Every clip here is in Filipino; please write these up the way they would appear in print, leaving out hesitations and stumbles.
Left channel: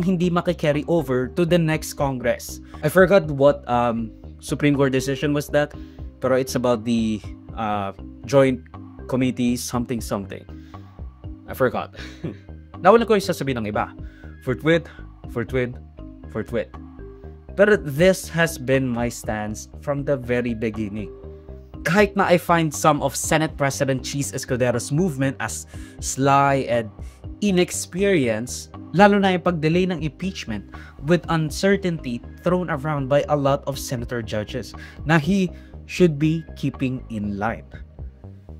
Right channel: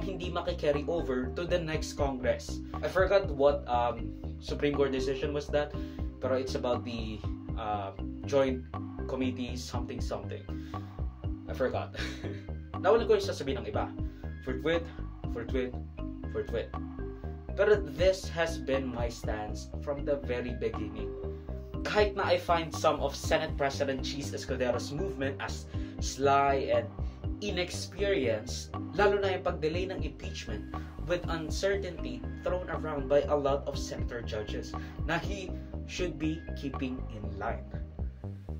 ang hindi makikarry over to the next Congress. I forgot what Supreme Court decision was that, pero it's about the joint committee something. I forgot. Nawala ko yung sasabihin ng iba. Forthwith. Pero this has been my stance from the very beginning. Kahit na I find some of Senate President Cheese Escudero's movement as sly and inexperienced, lalo na yung pag-delay ng impeachment with uncertainty thrown around by a lot of senator judges na he should be keeping in line.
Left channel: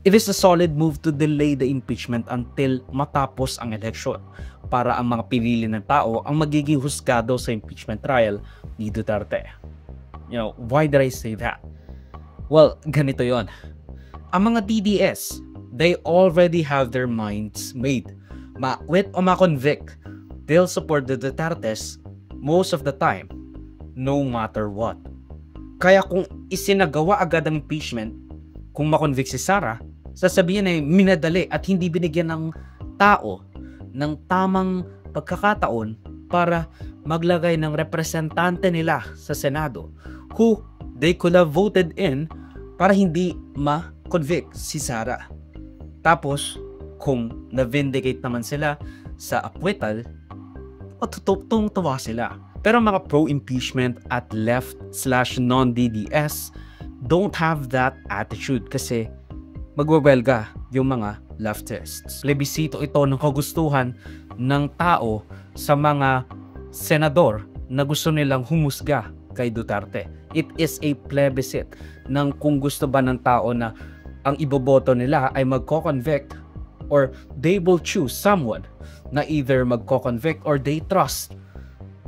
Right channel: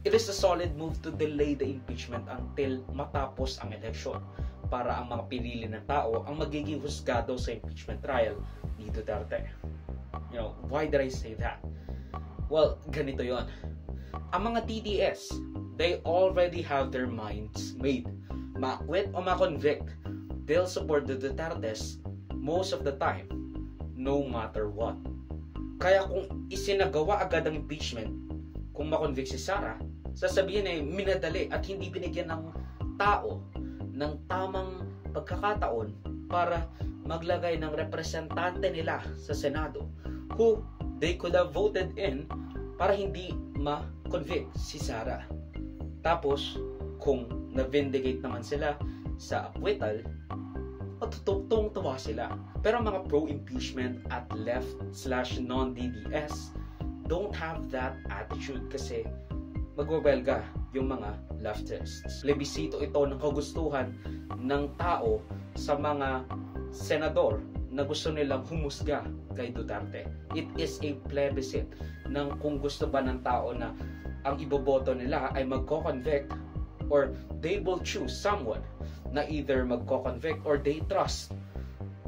It is a solid move to delay the impeachment until matapos ang eleksyon para ang mga pinili ng tao ang magiging husgado sa impeachment trial ni Duterte. You know, why did I say that? Well, ganito yon. Ang mga DDS, they already have their minds made. Ma-quit o ma-convict, they'll support the Dutertes most of the time, no matter what. Kaya kung isinagawa agad ang impeachment, kung ma-convict si Sara, sasabihin ay minadali at hindi binigyan ng tao ng tamang pagkakataon para maglagay ng representante nila sa Senado who they could have voted in para hindi ma-convict si Sara. Tapos, kung na-vindicate naman sila sa acquittal, tutong-tuwa sila. Pero mga pro-impeachment at left/non-DDS don't have that attitude kasi magwewelga yung mga leftists. Plebisito ito ng kagustuhan ng tao sa mga senador na gusto nilang humusga kay Duterte. It is a plebiscite ng kung gusto ba ng tao na ang iboboto nila ay magko-convict or they will choose someone na either magko-convict or they trust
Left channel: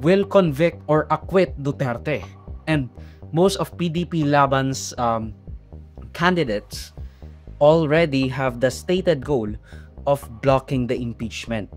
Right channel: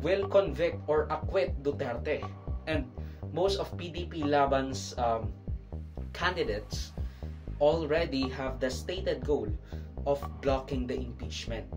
will convict or acquit Duterte. And most of PDP Laban's candidates already have the stated goal of blocking the impeachment.